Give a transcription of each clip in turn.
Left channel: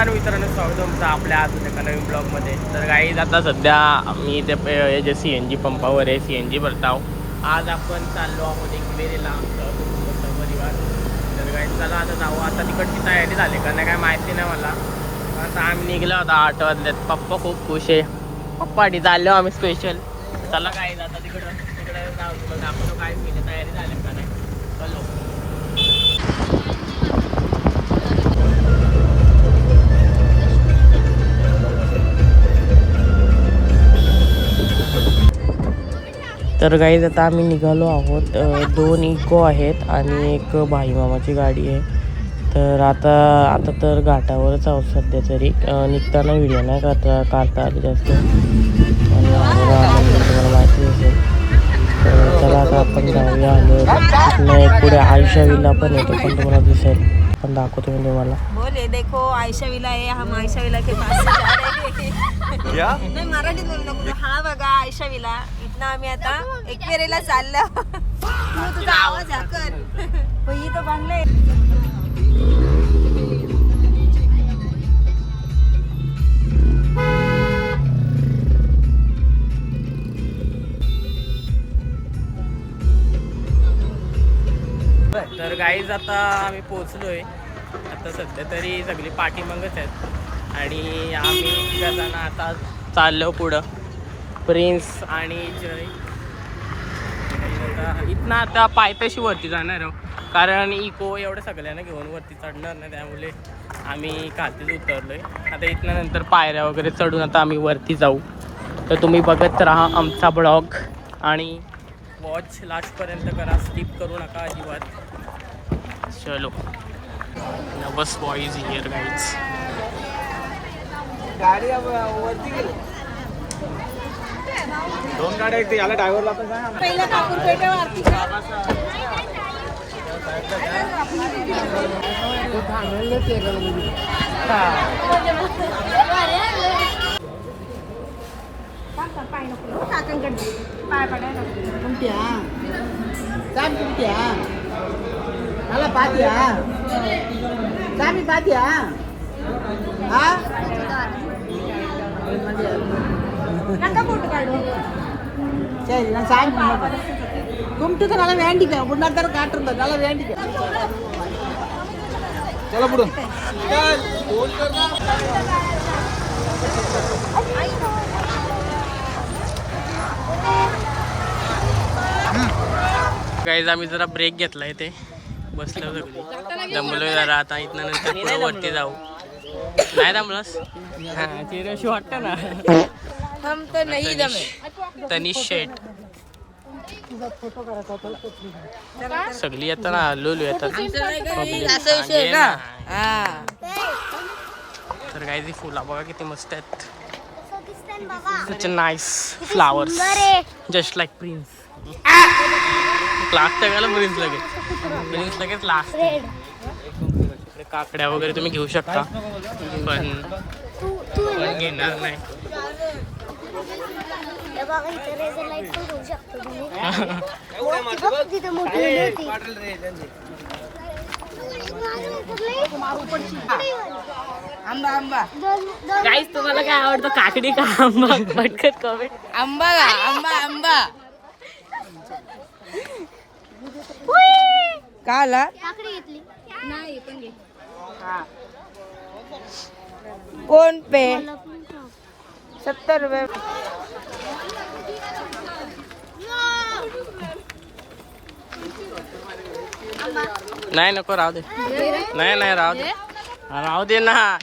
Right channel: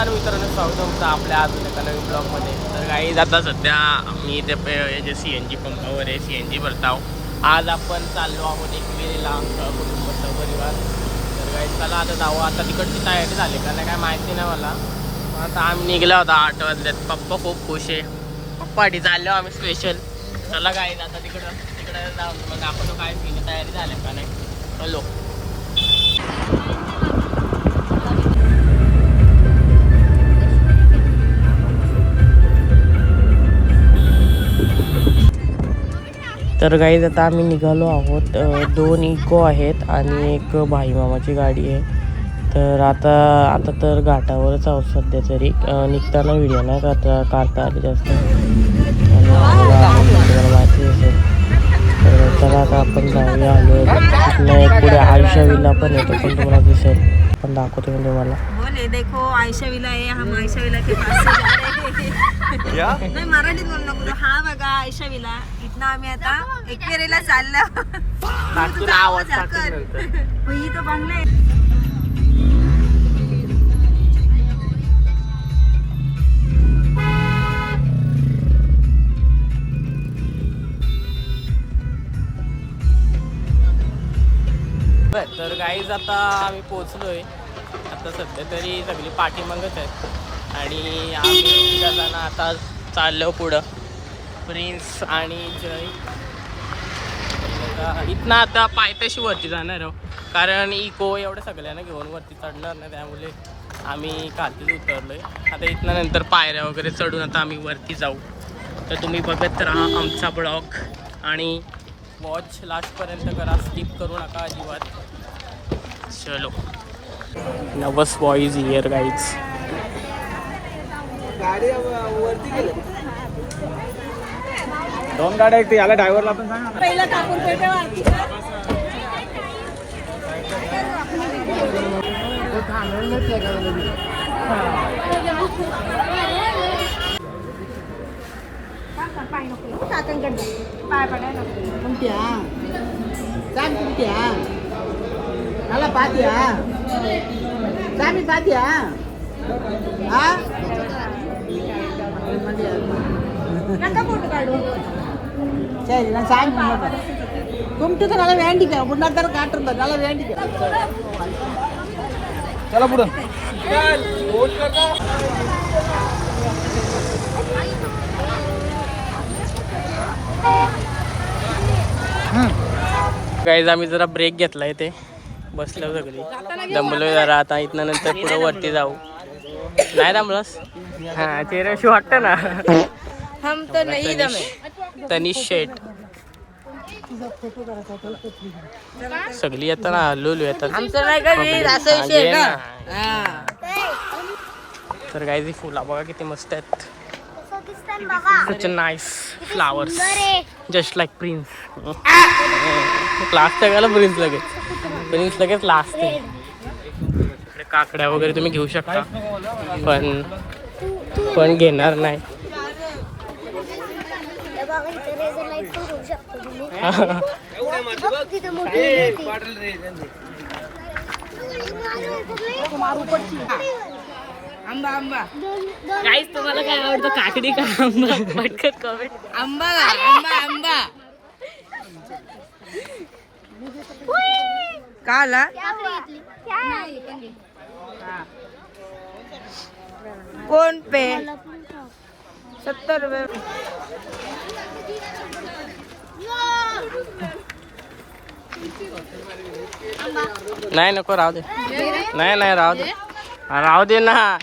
नमस्कार मित्रांनो, स्वागत तुमचं आपल्या अजून एका नवीन ब्लॉगमध्ये. तर काही आता सध्या मी इथे जे CNG पंपावर आहे, CNG भरताव. आज आपण चाललो आहोत एकवेरीला कुटुंब सहपरिवार. तर काही चला आता जाऊ. आता तिकडची तयारी झाली का नाही काय माहिती नाही मला. आता आम्ही निघलो होता 8 वाजल्यात. पप्पा खूप खुश आहे. पप्पासाठी चाललो आम्ही स्पेशल. चला काही आता तिकडे जाऊ, मग दाखवतो काय तयारी झाली का नाही. चलो. तर गाईज आता आम्ही निघालो आहोत. 2 इको आहेत आणि एक भाई मामाची गाडी आहे. तर आता तर घाटावरच आहोत सध्या तरी. निघताना व्हिडिओ नाही काढता आले जास्त. आणि बघा मंदिर तुम्हाला माहिती असेल. तर चला आता आपण जाऊया. आलो तिथनं एक पुढे आयुष्या विला पण येतो, पण तुम्हाला दिसेल. पण दाखवतो मी तुम्हाला. बोले देखो आयशा विला आहे. हम आयशा विला के पास नाही मराठीत बोलू नको. हा बघा आयशा विला. इथनं आम्ही आता एकवेरीला चाललो. ही तो बांगला आहे. तर गाईज आता आम्ही पोचलोय. आता सध्या तरी सगळी पाठीमागच आहेत आणि आम्ही तिघा जण आता चाललो पुढं. प्रिन्स आणि जय. आता इथनं आता पायथ्याशी वरती जाणार आहोत, कारण इको एवढ्या सगळ्यांना घेऊन वरती चढणार नाही, त्यामुळे आम्ही खालीच उतरलोय. आता इथनं नंतर पायऱ्या वगैरे चढून आता आम्ही वरती जाऊ. तर तुम्ही बघत राहा आमचा ब्लॉग आणि वॉच लास्टपर्यंत करा, स्किप करू नका अजिबात. चलो. नवस बॉईज हिअर गाईज. गाडी वरती गेलो. 2 गाड्या आहेत. याला ड्रायव्हरला पण सांगा ना. पहिला कापूर पेठेवरती पाय नको काकांकडे पाय पडायला कुमट्या चाम कुमट्या मला पात्या चामी पात्या हा नका फोटो काढू. சரி நான் சாமி கும்பிட்டு நல்லா வேண்டிக்க முன்னாடி தர காட்டுறோம் நல்லா வேண்டிக்க चला पुढं. गाईज आम्ही जरा ब्रेक घेतला इथे, बसलो सगळी. दमलोय जरा. आता इथनं नंतर पुढं वरती जाऊ. नाही दमलस? हां चेहऱ्याशी वाटतं ना. तनिष शेट सगळी येतात ना, लोलू येतात. तर गाईज फुला बघा किती मस्त आहेत. such a nice flowers, just like Prince. Class टाकायला प्रिन्स लगेच लास्ट. इकडे काकड्या वगैरे तुम्ही घेऊ शकता, पण घेणार नाही. आंबा आंबा गाईस तुम्हाला काय आवडतं, काकडी का आंबा? पटकन कमेंट. आंबा आंबा आंबा काला नाही पण घे. कोण पे 70 रुपये. नाही नको, राहू दे. नाही राहू दे. राहू दे ना.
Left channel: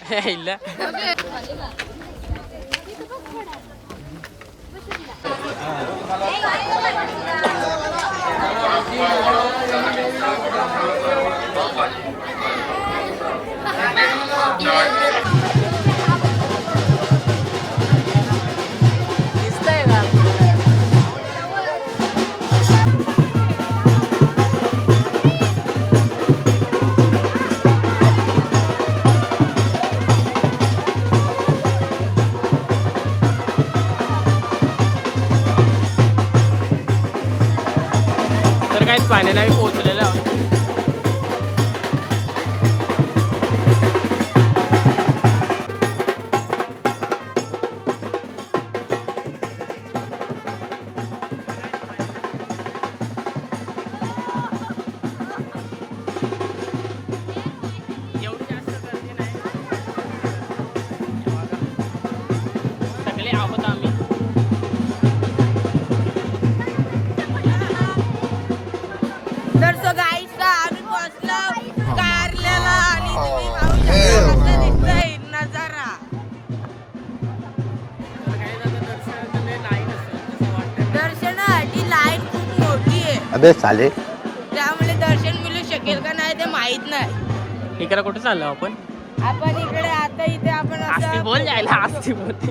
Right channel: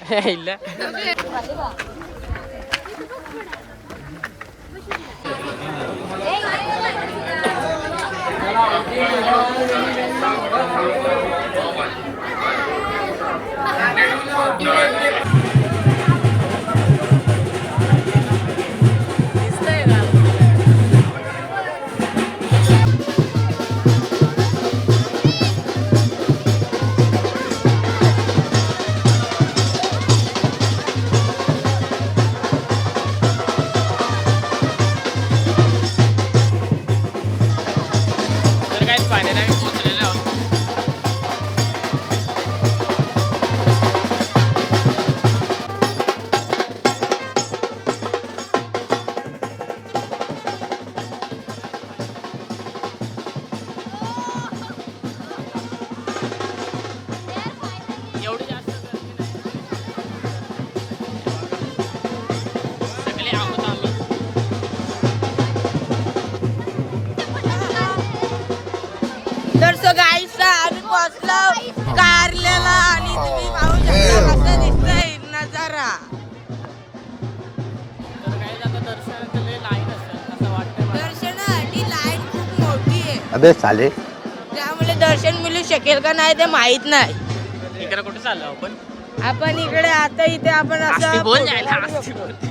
पोहोचलेले आहोत. आहोत आम्ही. तर सो गाईस आम्ही पोहोचलो कारल्याला आणि तुम्ही नजारा. तर काय आता दर्शनाचं लय लाईन असेल असं वाटतंय मला. दर्शनासाठी लाईन खूप मोठी आहे. अबे साले. त्यामुळे दर्शन मिळू शकेल का नाही ते माहित नाही. इकडे कुठे चाललो आपण? आपण इकडे आता इथे आपण आस्ती बोल जायला आस्ती बोलते.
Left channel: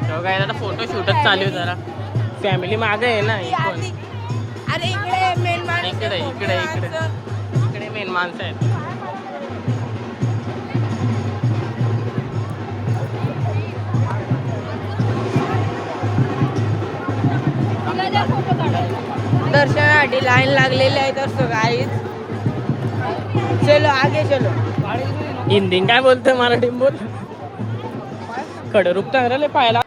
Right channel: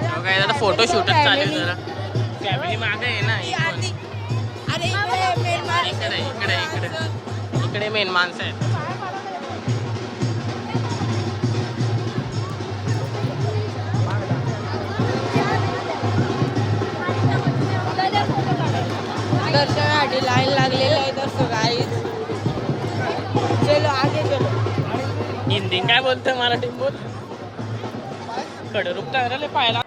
तेव्हा काय आता फोटो शूटच चालू आहे जरा. फॅमिली मागे आहे ना इकडून. अरे इकडे main माणूस. इकडे इकडे इकडे इकडे मेन माणसं आहेत. दर्शनासाठी लाईन लागलेली आहे. तर सो गाईस चलो आगे चलो. हिंदी काय बोलतोय मराठी बोल. कडरूप चांगलं पाहायला.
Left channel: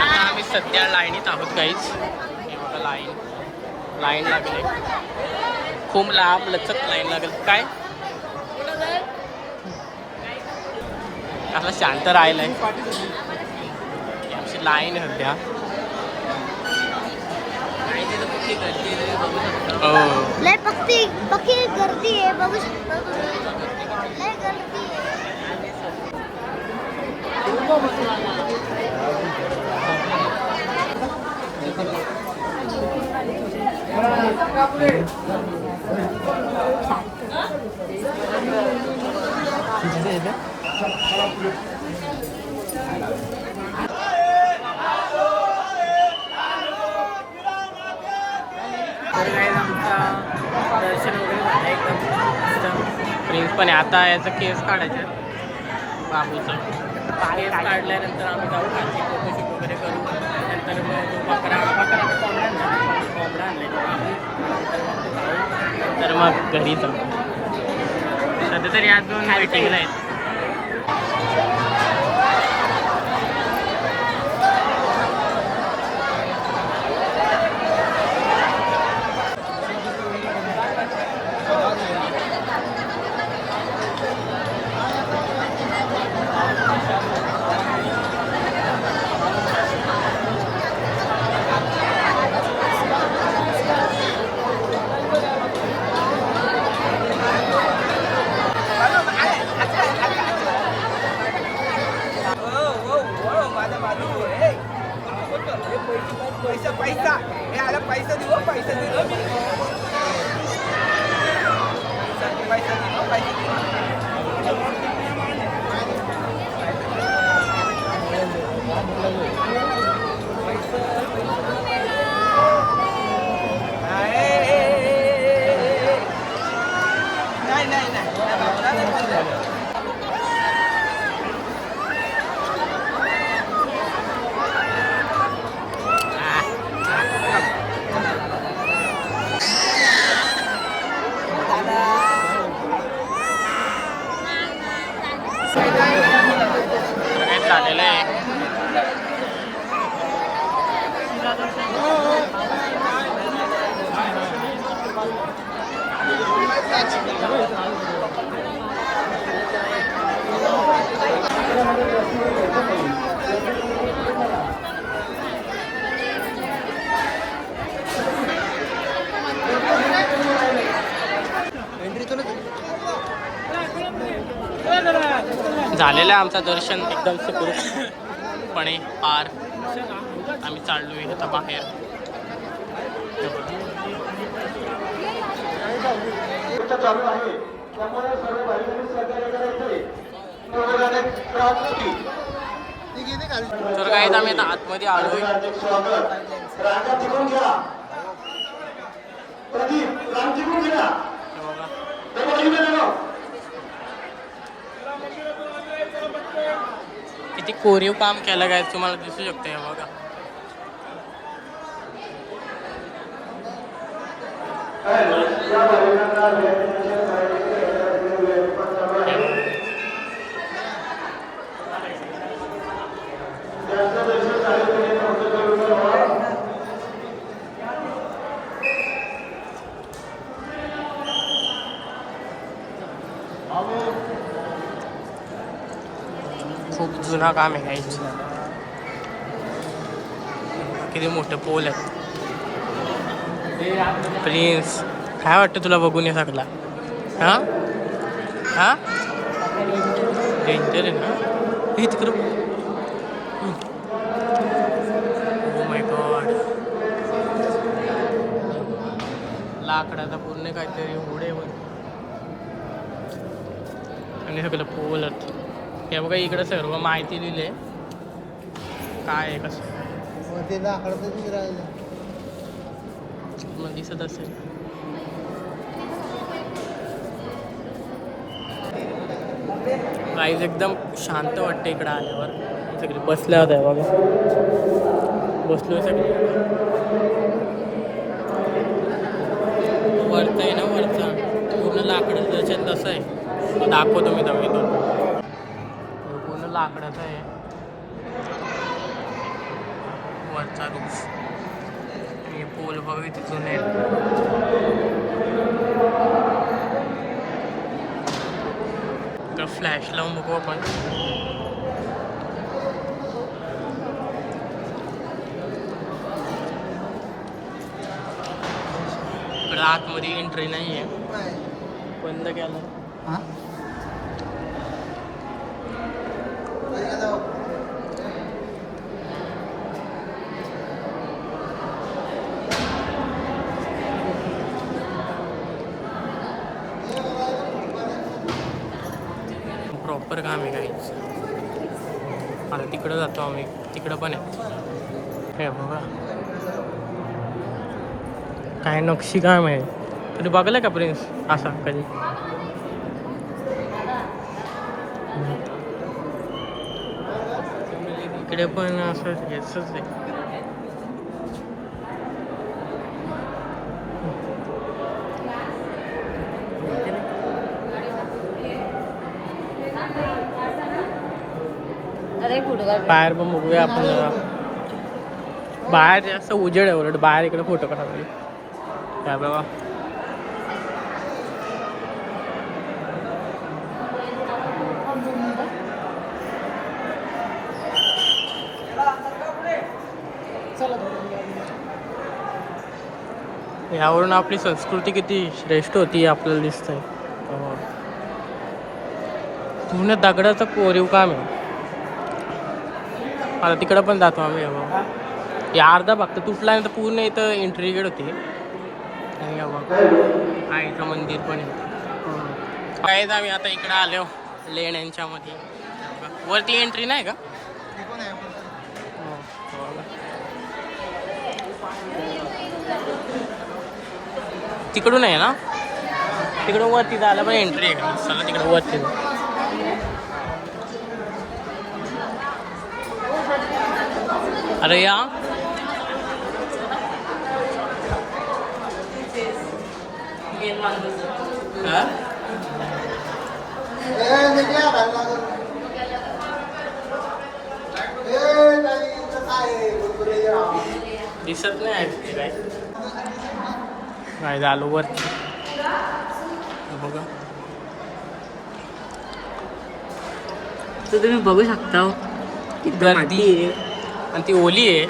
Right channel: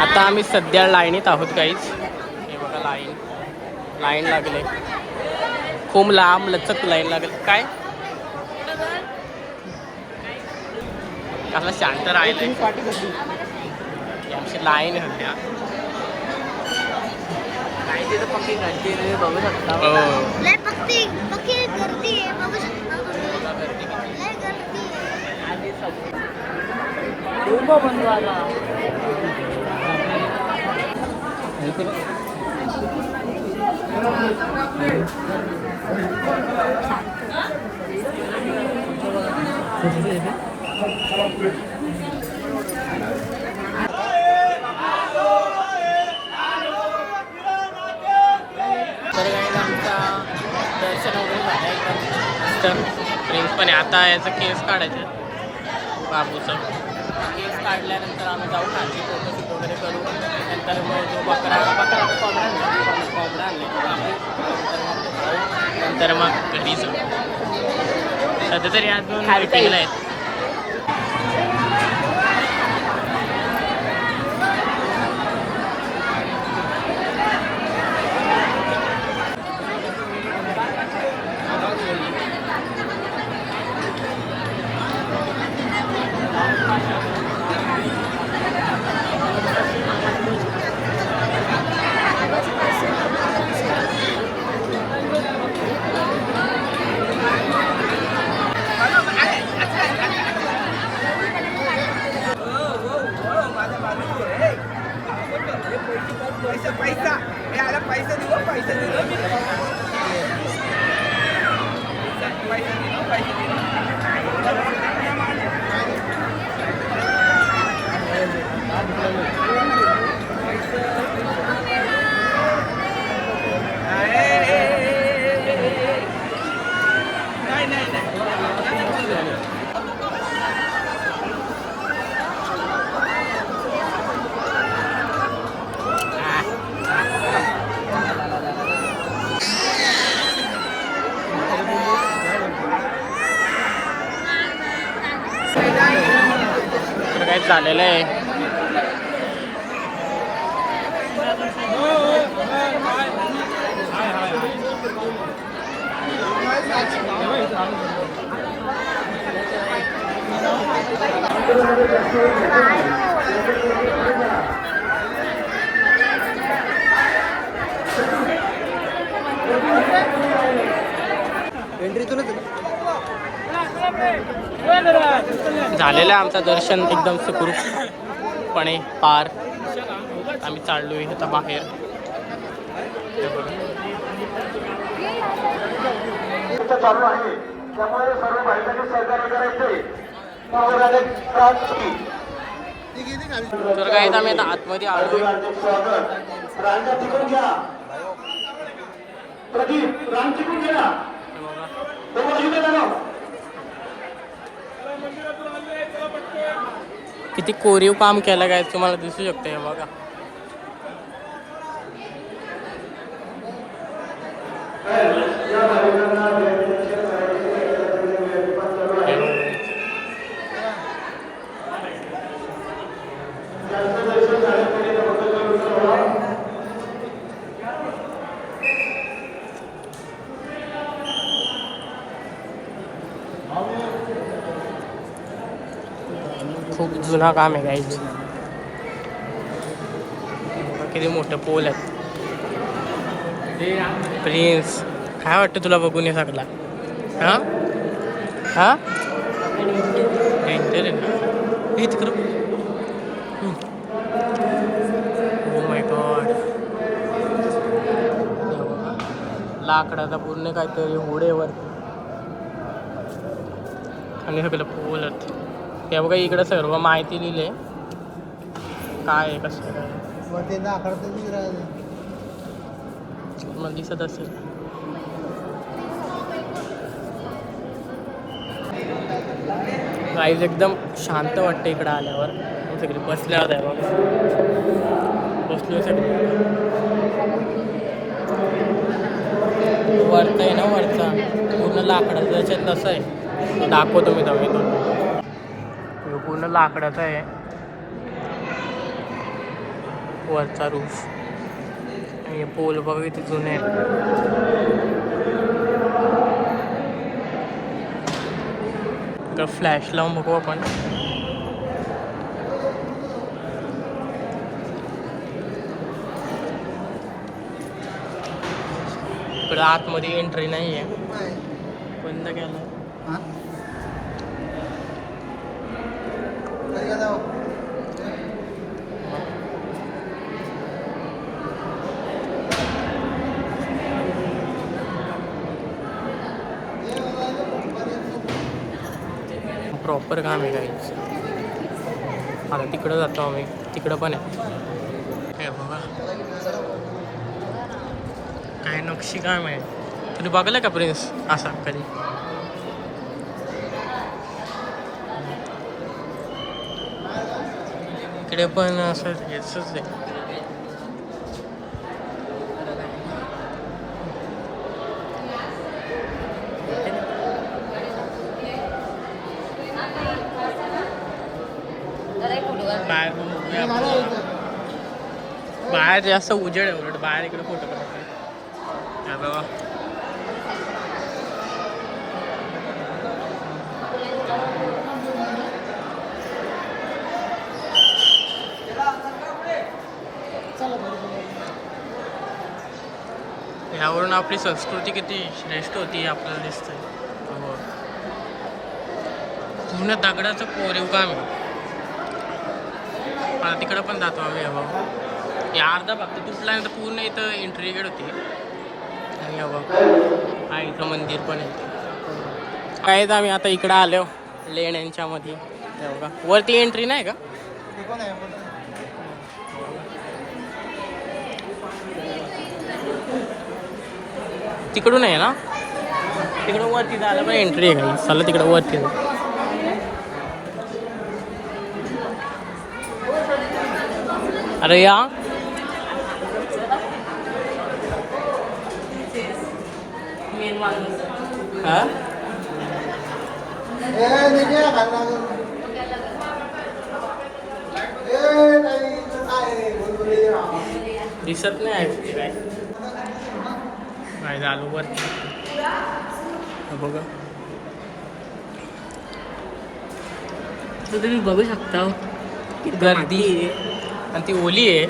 आता आम्ही सध्या लाईनीत आहोत काहीच. हे बघा लाईन लागले. खूप लांब लचक लाईन लागेल. काय कसं शांत राहिलंय. आमची लाईन आहे सध्या. लय पक्की गर्दी आहे बघू शकता तुम्ही. लय गर्दी आहे. तर काय आमचा दर्शन वगैरे झालं एकदम प्रिन्स पण आहे. आता याचं केस काढायचं बाबूचं. केस काढल्यानंतर आम्ही जाऊ खाली फोटोशूट वगैरे करू. नंतर मग जो कोंबडा आणलाय बाबू. नंतर मग तो खाऊ. नंतर मग घरी जाऊ. सध्या तरी आज 2 मीटिंगला आहेत. पैसा हे आला. पैसा देऊ पैसा तर काय झालेलं आहे. झालेलं आहे आमचं दर्शन एकदम सुखरूपपणे पार. आम्ही चाललोय आता बाहेर. चालू आहे त्यामुळे सर्व भाईंनी सहकार्य करायचे. तर काय आम्ही आता आतमध्ये आलो. किती कोरीव काम केलं काय तुम्हाला दिसू शकतं. हे बघा त्यांचं खूप जुना काम आहे काहीच. किती मोठे पोल आहेत. प्रिन्स काय वाटतं तुला बघून हे सगळा? हा हा डेंजर आहे ना हे तिकडं. Oh my God. लाकडाचा पूर्ण काहीतरी होडेवर आणि सगळं पोलत. हे बघा इकडं सर्व माहिती लिहिली आहे काय आहे कसं काय मला दिसत असेल. गाईज एकदम शांत वाटते इकडं आल्यावर. सगळे बसल्या होत्या बसलो सगळे. वरचा आहे ना वरचा पूर्ण लाकडाचं जसं तसं आहे. दाखवतो मी तुम्ही तो पूर्ण लाकडाचा आहे वरचा रूफ. आणि पोल बघ इथे जुने आहेत. फ्लॅश लावून बघू आपण. इकडं आतमध्ये एंट्री नाही आहे. बंद केलं. प्रॉपर काम आहे काहीच. आता तिकडं जातो आम्ही. तिकडं पण आहे हे बघा काय नक्षी काम आहे. कधी बघलं का प्रिन्स असा कधी? इकडे पण असं हेच आहे. बाहेर पण बघूया आपण. बाहेर जास्त उजेड आहे उलट बाहेर. इकडे फोटो काढायला काय बघा. यावरून आपली संस्कृती किती श्रेष्ठ होती आपल्याला दिसतंय. पूर्ण दगडाचं कोरीव काम आहे. आता तिकडं पण जातो आम्ही. बघा या अर्धा फक्त तुटल्यानंतर पूर्ण इथं एंट्री गेट होती. आणि बघा आईचं मंदिर पण आहे. काय तर आम्ही आता इकडं आलो लेण्यांच्या मध्ये. बघा वरती एंट्री नाही का? तिकडून आहे ना. तिकडं वरती जायला पण एंट्री आहे. चला तिकडं वरती. अरे या दिसत नाही काय नाही झालो वरती. बघा तुम्ही बघू शकता गर्दी आहे आणि ती ओली आहे.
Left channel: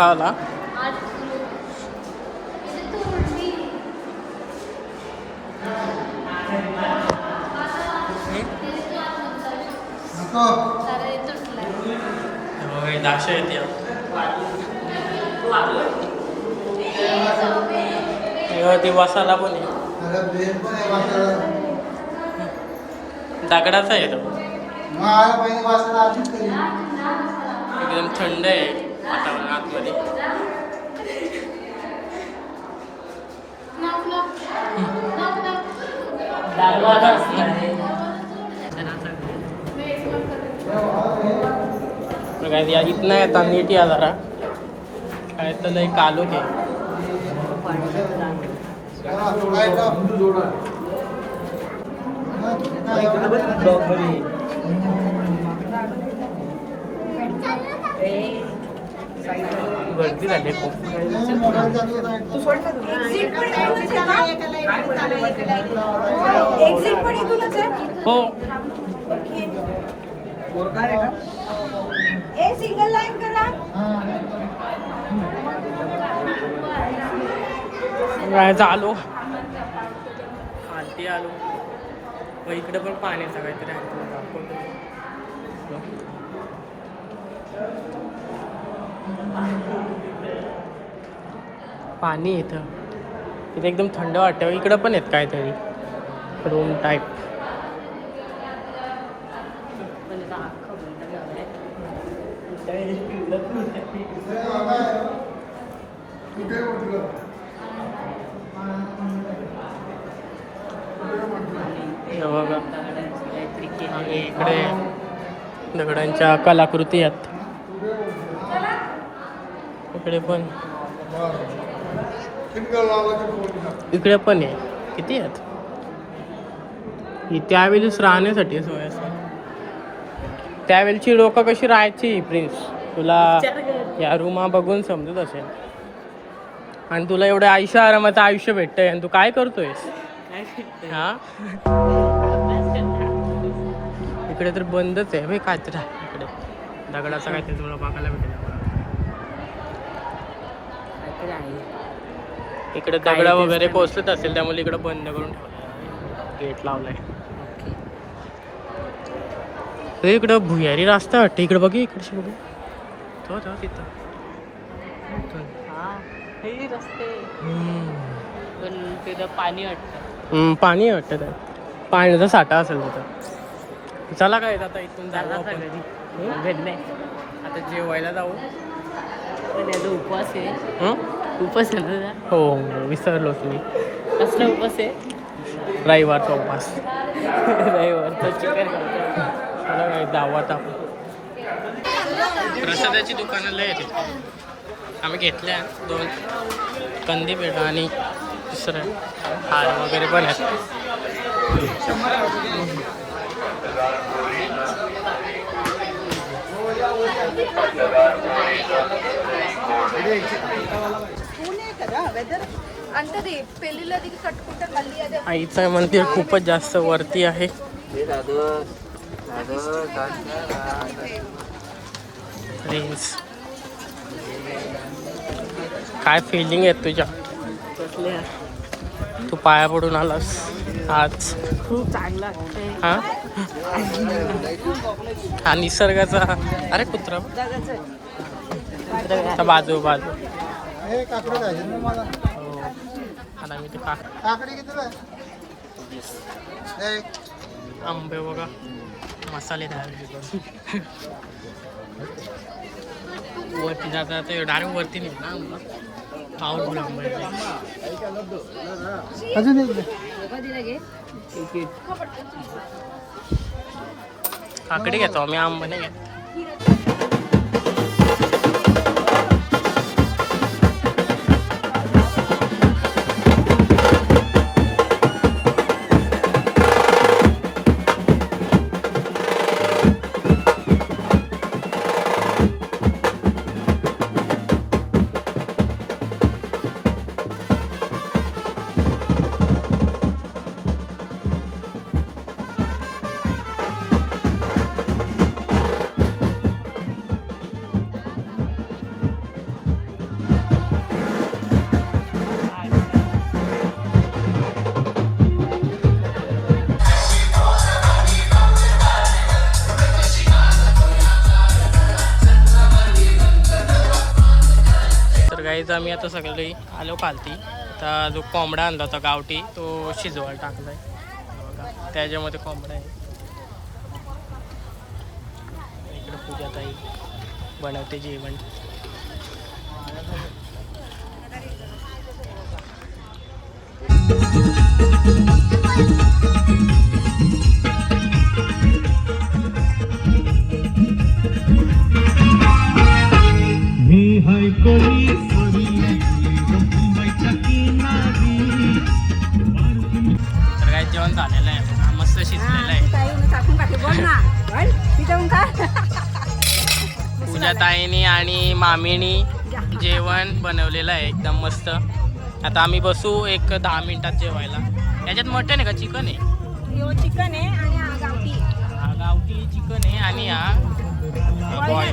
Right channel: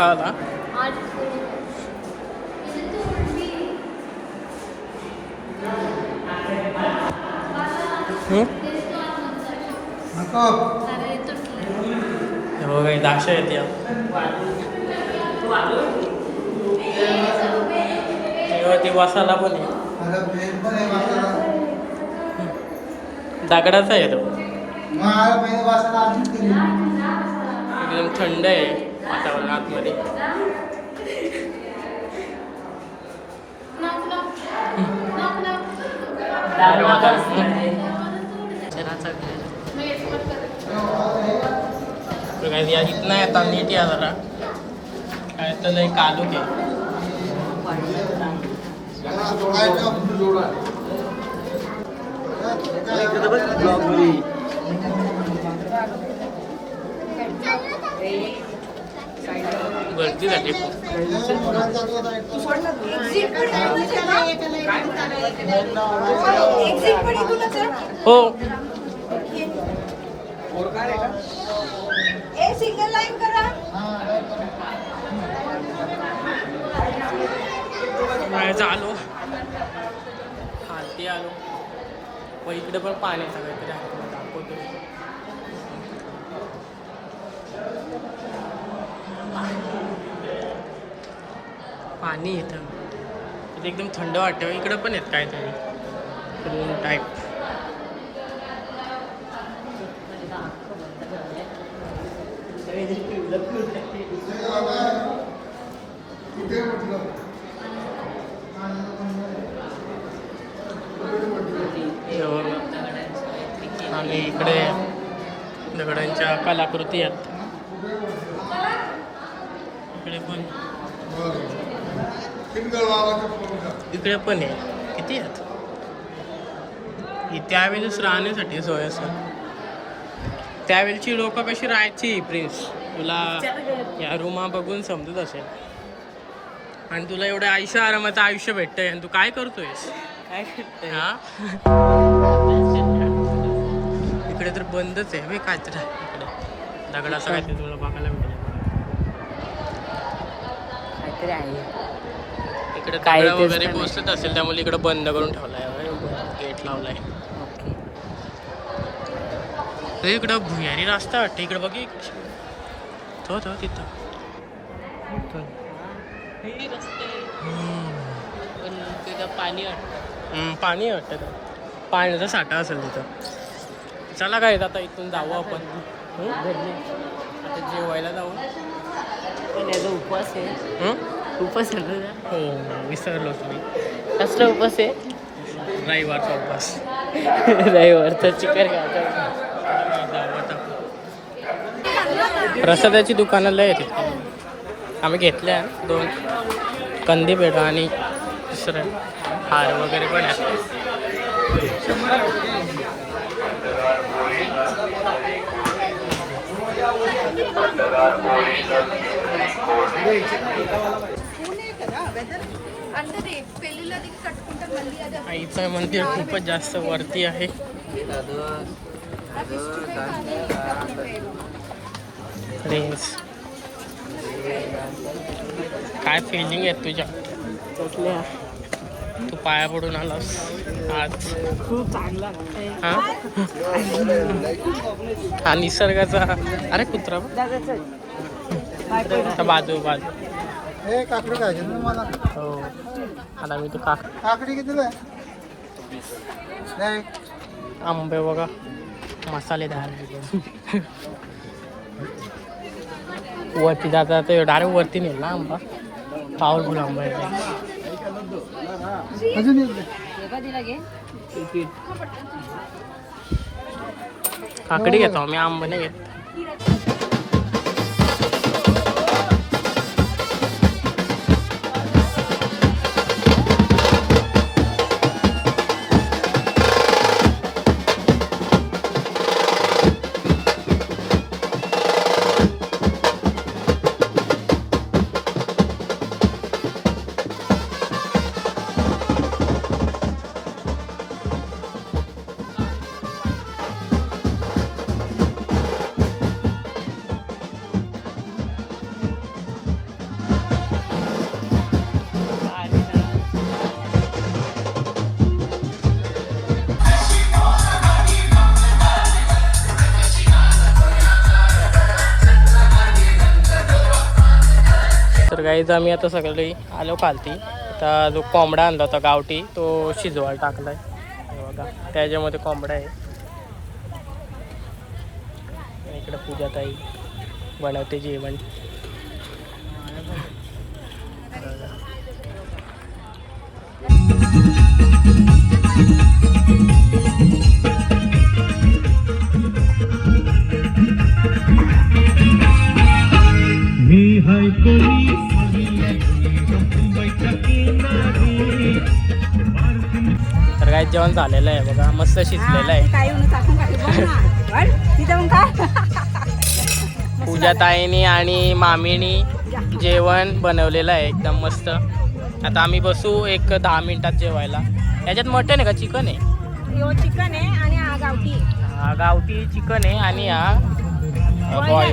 आला दाशा येते. ती मसाला पण आहे. दगडाचा आहे तो. एकदम थंड आहे वातावरण आतमध्ये. इथनं येतात नीट या जरा. तर लय कालूक आहे. गर्दी झाली खूप. हो सिंगल लाईन करा. जायचं आलो आरती आलो व इकडे पण पाण्याचा काहीतरी आहे तुला दाखवतो. पाणी येतं तिथे एकदम थंड वाटतं. इकडं पण येत काहीतरी रूम टाईप. हे बघा आणि इकडे दगडांच्या कलाकृती आहेत. इकडे पण आहे. किती आहेत? त्यावेळेस राहण्यासाठी सोय असेल. त्यावेळची लोक कशी राहायची प्रिन्स तुला या रूमा बघून समजत असेल. आणि तुला एवढं आयुष्य आरामाचं आयुष्य भेटतंय आणि तू काय करतोयस? हा इकडे तर बंदच आहे. काय तर आहे इकडे दगडाचं काय ते तुला बघायला भेटेल. इकडे दगड वगैरे कोसळत असेल त्यामुळे इकडे बंद करून ठेवलाय. गेट लावलाय. इकडं भुयारी रस्ता वाटतं. इकडे बघ इकडे तो तिथं पाणी वाटतं. पाण्याचा साठा असेल तिथं. चला काय आता इथून जाऊ आपण. आता जेवायला जाऊ. उपवास आहे. उपवास आहे ना? हो विसरलोच मी. कसला उपवास आहे? रविवारचा उपवास. रविवारचा चिकन जाऊ आता. प्रसादाची दुकानं लय आहेत. आम्ही घेतल्या 2 कंदी पेढा आणि दुसरं हार वगैरे पण आहेत. आईचं मंदिर खूपच जास्त वरती आहे. काय फिलिंग आहे तुझ्या? तू पाया पडून आलास आज. खूप चांगला हा हा निसर्गाचा. अरे कुत्रा बाजू हो आता मी ते आंबे बघा मसालेदार. वरती जाता ते डायरेक्ट वरती नेल ना आंबा. पावरफुल आंबा आहे. काकडी घेतो मी आंबा नाही घेत. तर गाईज आम्ही आता सगळे आलो खालती. आता जो कोंबडा आणला होता गावठी तो शिजवायला टाकलाय बघा. त्याच्यामध्ये कोंबडा आहे. इकडे पूजाताई बनवते जेवण. मी हाय कोणी जेवण झालेलं आहे बघा, मस्त शिजलेलं आहे. ताई उन्हा टाकून टाकले बघ ना. बघ, तिथं काय पूजा ताईनी आणि मामीनी जेवण बनवलेलं आहे एकदम मस्त. आता आम्ही बसू एक 10 मिनिटात जेवायला. याच्यात मटन आहे का चिकन आहे? ह्यो चिकन आहे आणि हा गावठी आहे. हा गावठी चिकन आहे आणि हा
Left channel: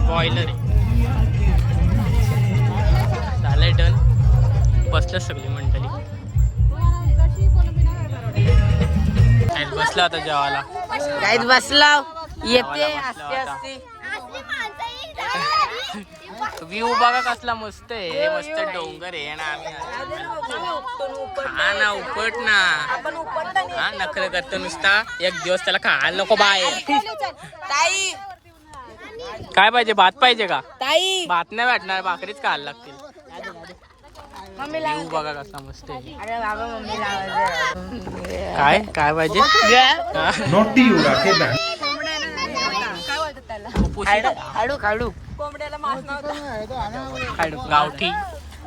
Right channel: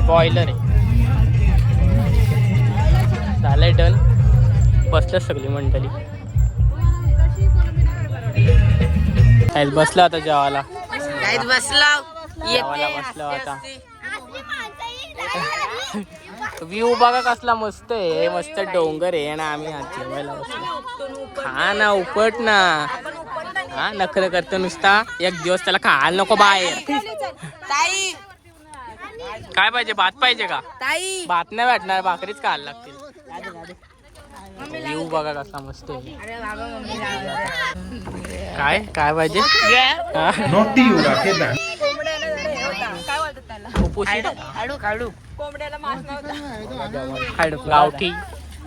बॉयलर आहे. झालंय डन. बसलं सगळी मंडळी. बसला आता जेवायला. बसला जेवायला बसलो आता. व्ह्यू बघा कसला मस्त आहे. मस्त डोंगर आहे आणि आम्ही जेवायला बसलो. खा ना उपट ना. हा नखरे करतो नुसता. एक दिवस त्याला खायला नको बाय. ताई काय पाहिजे? भात पाहिजे का? ताई भात नाही भेटणार, भाकरीच खायला लागतील. व्ह्यू बघा कसा मस्त आहे. काय काय पाहिजे? हा? काय बोलतात त्याला? कुपोषित? कोंबड्याला मांस नव्हता. गावठी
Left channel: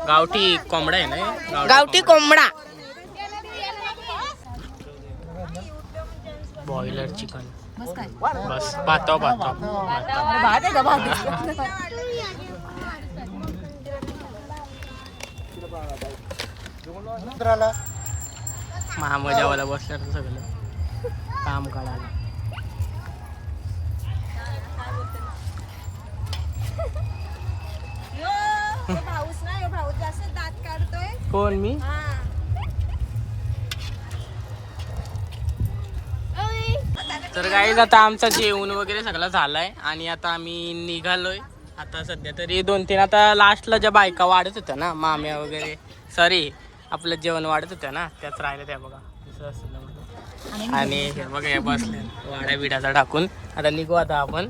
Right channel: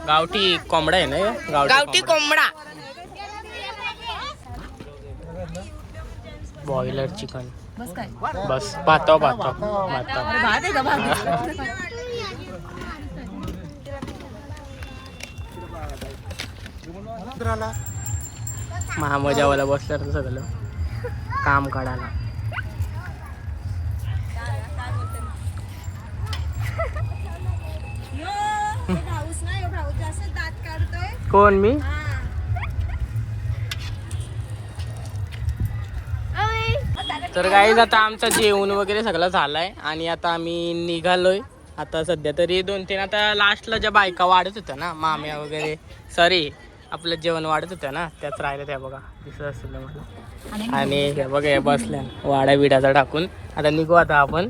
गावठी कोंबडा आहे ना हे? गावठी कोंबडा. Boiler chicken. बस काय बस भातो भातो भातो. भात आहे का? भात महामजावाला बसलं तर सगळं काम काढायला. भाऊस ना, भाऊस जास्त दात काढतोय. कोण मी? तर काही आता आमचं जेवण वगैरे सगळं झालंय आणि आता आम्ही निघालोय. आता सध्या तरी 2-3 आता लास्टला ज्या बायका वाढत होत्या ना, माम्या वगैरे, सॉरी आपलं जेवण वाढत होत्या ना, त्याच राहिल्या त्या बघा. दिसत असेल मला. आणि हे बघा हे बसल्या वाड्या बिड्याचा टाकून. आता निघू आता आपण.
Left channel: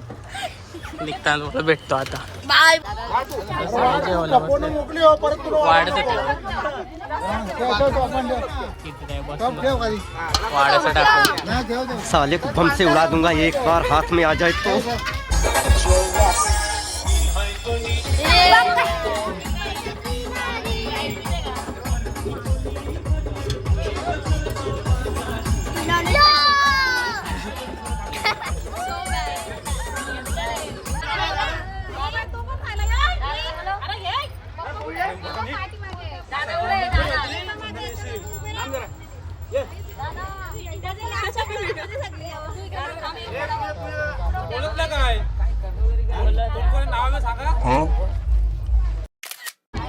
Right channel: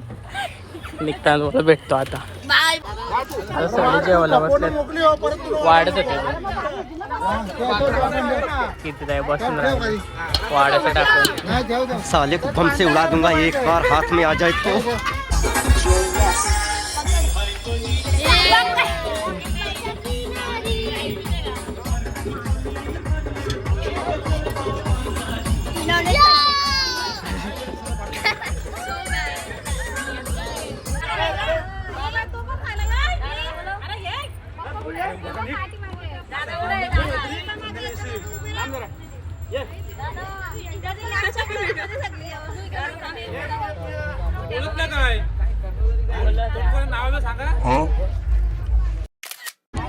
निघताना भेटतो आता. आता सगळे जेवायला बसले. वाढत होते किती काय बसून वाड्याचं टाकून. साले को बम से उड़ा दूंगा एक बार हाथ में आ जाए तो.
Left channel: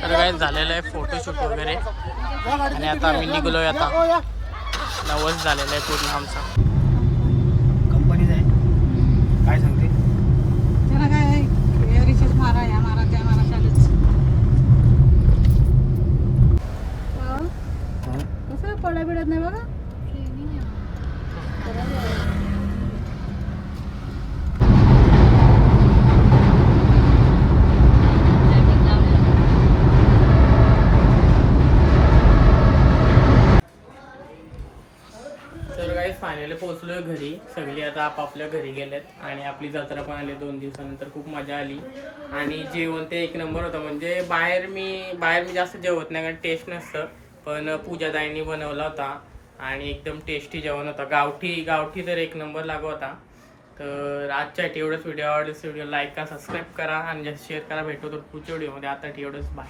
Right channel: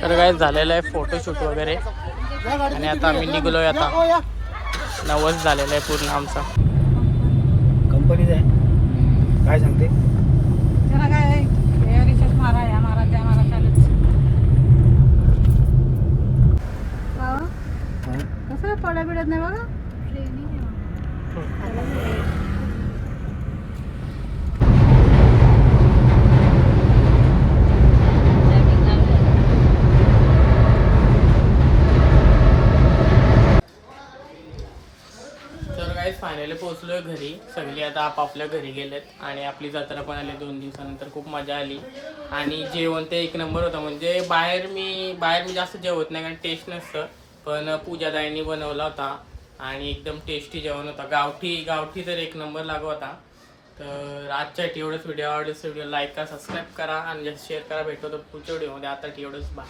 तर काय झालेलं आहे फोटोशूट वगैरे आणि आता आम्ही निघलोय. आता 9 झालेलं आहे पूर्ण आमचा. कंपनीच आहे काय सांगते. त्याला काय रिचार्ज मारा या मारा त्या मारा चालूच. कसं पडा बिडत नाही बघा. फायनली पोहोचलोय घरी. सगळी आता आपापल्या घरी गेलेत आणि आपली जत्रा पण आली 2 दिवसानंतर. खूप मजा आली आणि जेवण ते एक नंबर होतं. म्हणजे बाहेर मी जास्त जेवत नाही कारण टेस्ट नसतं, पण पूजाताईंनी बनवला होता आणि एकदम टेस्टी जेवण होता. गावठी तर एक नंबर लागू होता. तर आजच्या एवढंच. व्हिडिओ आवडल्यास व्हिडिओ लाईक करा, सबस्क्राईब करा आणि जास्त शेअर करा. भेटतो तर पुढच्या व्हिडिओमध्ये. आता एवढंच. बाय.